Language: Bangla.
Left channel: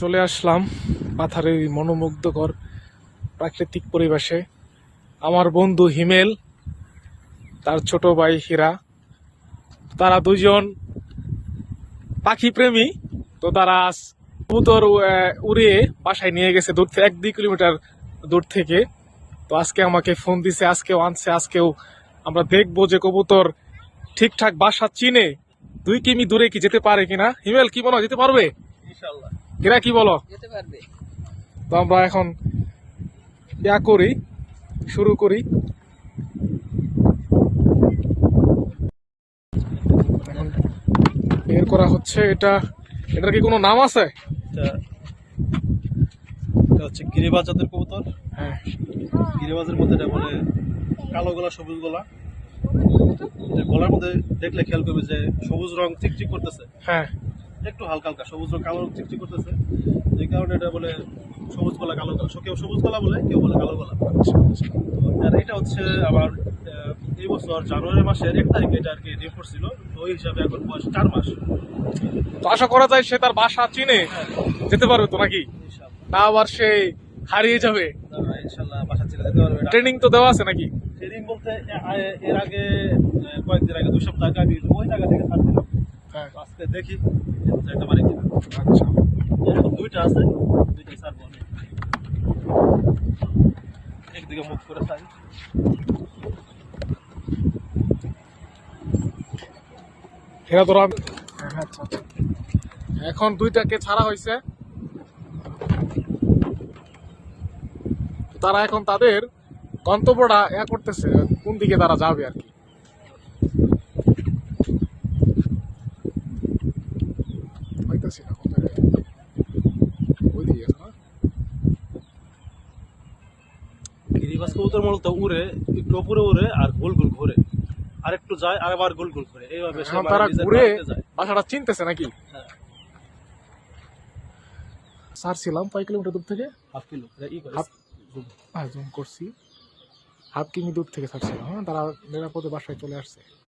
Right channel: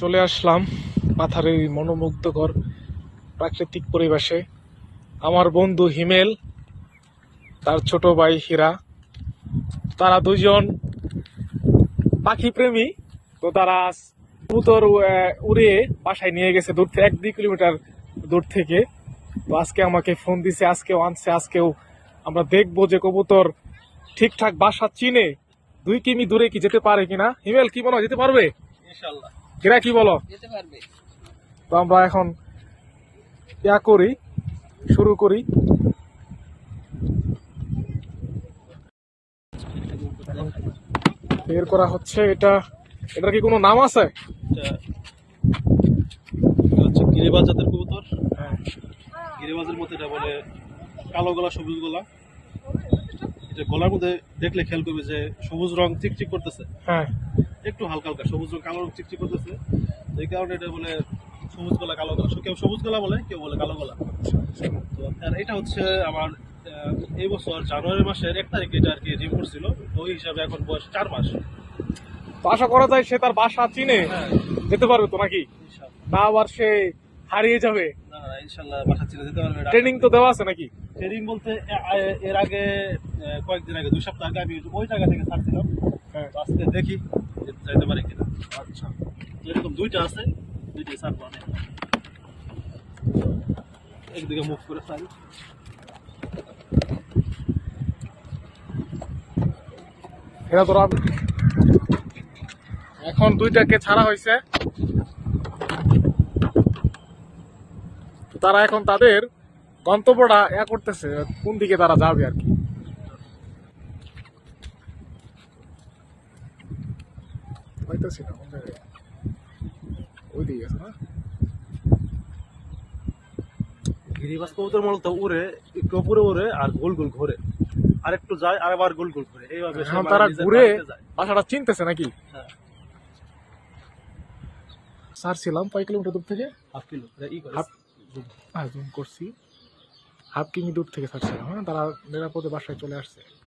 চলে আসলাম পাথারের এই মনোমুগ্ধকর প্রাকৃতিক পরিবেশে। আমার বন্ধু হিমেল, তার ছোট ভাই হীরা, তারা দুইজন পাখি প্রেমী। তো তারা আজ কবুতর উড়িয়ে বাসায় নিয়ে গেছে দূর থেকে 1-2 কিলোমিটার দূর থেকে। তো আজকে আমাকে ফোন দিছে, আজকেও আনছে। আজকেও আমরা দেখবো যে কবুতর ঠিকঠাক বাসা চিনে 2 কিমি দূরে কি যেতে পারে কিনা। হিমেল, কি বলো, যেতে পারবে? ইনশাআল্লাহ হীরা, কি বলো? যেতে পারবে। তো আমরা এখন শুরু করি। এখন বের করা হচ্ছে। এটার কি কোনো নাম আছে? এটা হচ্ছে গিরিবাজ জাতের কবুতর। হ্যাঁ। গিরিবাজের মধ্যে এটা বলে কালো গলা, সবুজ গলা। এটা গলার মধ্যে দেখলে খেয়াল করবে যে সবুজ রং চিকচিক করতেছে, হ্যাঁ। একটু হালকা হালকা সবুজ রং, কালো রং চিকচিক করতেছে। এই কারণে এটা বলে সবুজ গলা, কালো গলা। কেউ সবুজ গলা বলে, কেউ বলে কালো গলা। আর এটা হচ্ছে আমার এই বছর জানুয়ারি মাসের 1 তারিখে এটা আর কি রিম করছিল। তো ওই হিসাবে এখন বয়স 4 মাস। তো আশা করা যায় সে তার বাসা চিনে হ্যাঁ, যেতে পারবে তো নাকি? ইনশাআল্লাহ। না আবার সে হারিয়ে যাবে? না, না, ইনশাআল্লাহ বাসা ছেড়ে যেতে পারবে। ট্রেনিং তো দেওয়া আছে নাকি? ট্রেনিং বলতে এর আগে কয়েকদিন আগে, 2 সপ্তাহ আগে আমি ওই জায়গা থেকে ছাড়ছিলাম। হ্যাঁ। তো আজকে দেখি যাইতে পারে কিনা। আচ্ছা। যেরকম 2টা আছে, 2টাই ছাড়বো অনেক। একদিকে মুভ করে ছাড়ি। এরা ধরো এখন 2টাকে ছাড়া হয়েছে। তো তারা এখন তাদের গন্তব্যটা করতেছে, কোন দিকে তারা যাবে আর কি। পাইতেছি না কোন জায়গায়। ওই দিকে আছে না? গিরিবাজ কবুতর মূলত উড়ে, একটু উপরে উড়ে আর গোল গোল ঘোরে, আর একটু যায় আর আবার গোল গোল ঘোরে। এইভাবে সে এখন মানে তারা নিজের ঘুরে বাড়িতে যায়। বাসাটা চিনতেছে নাকি? হ্যাঁ, ছাড়ছিলাম কয় কিলোমিটার দূর থেকে? হাফ কিলো ই করে। হাফ জুম করছি। 1/2 কিমি দূর থেকে ছাড়ছিলাম। হ্যাঁ, তারা নিরাপদে বাসায় চলে আসছে।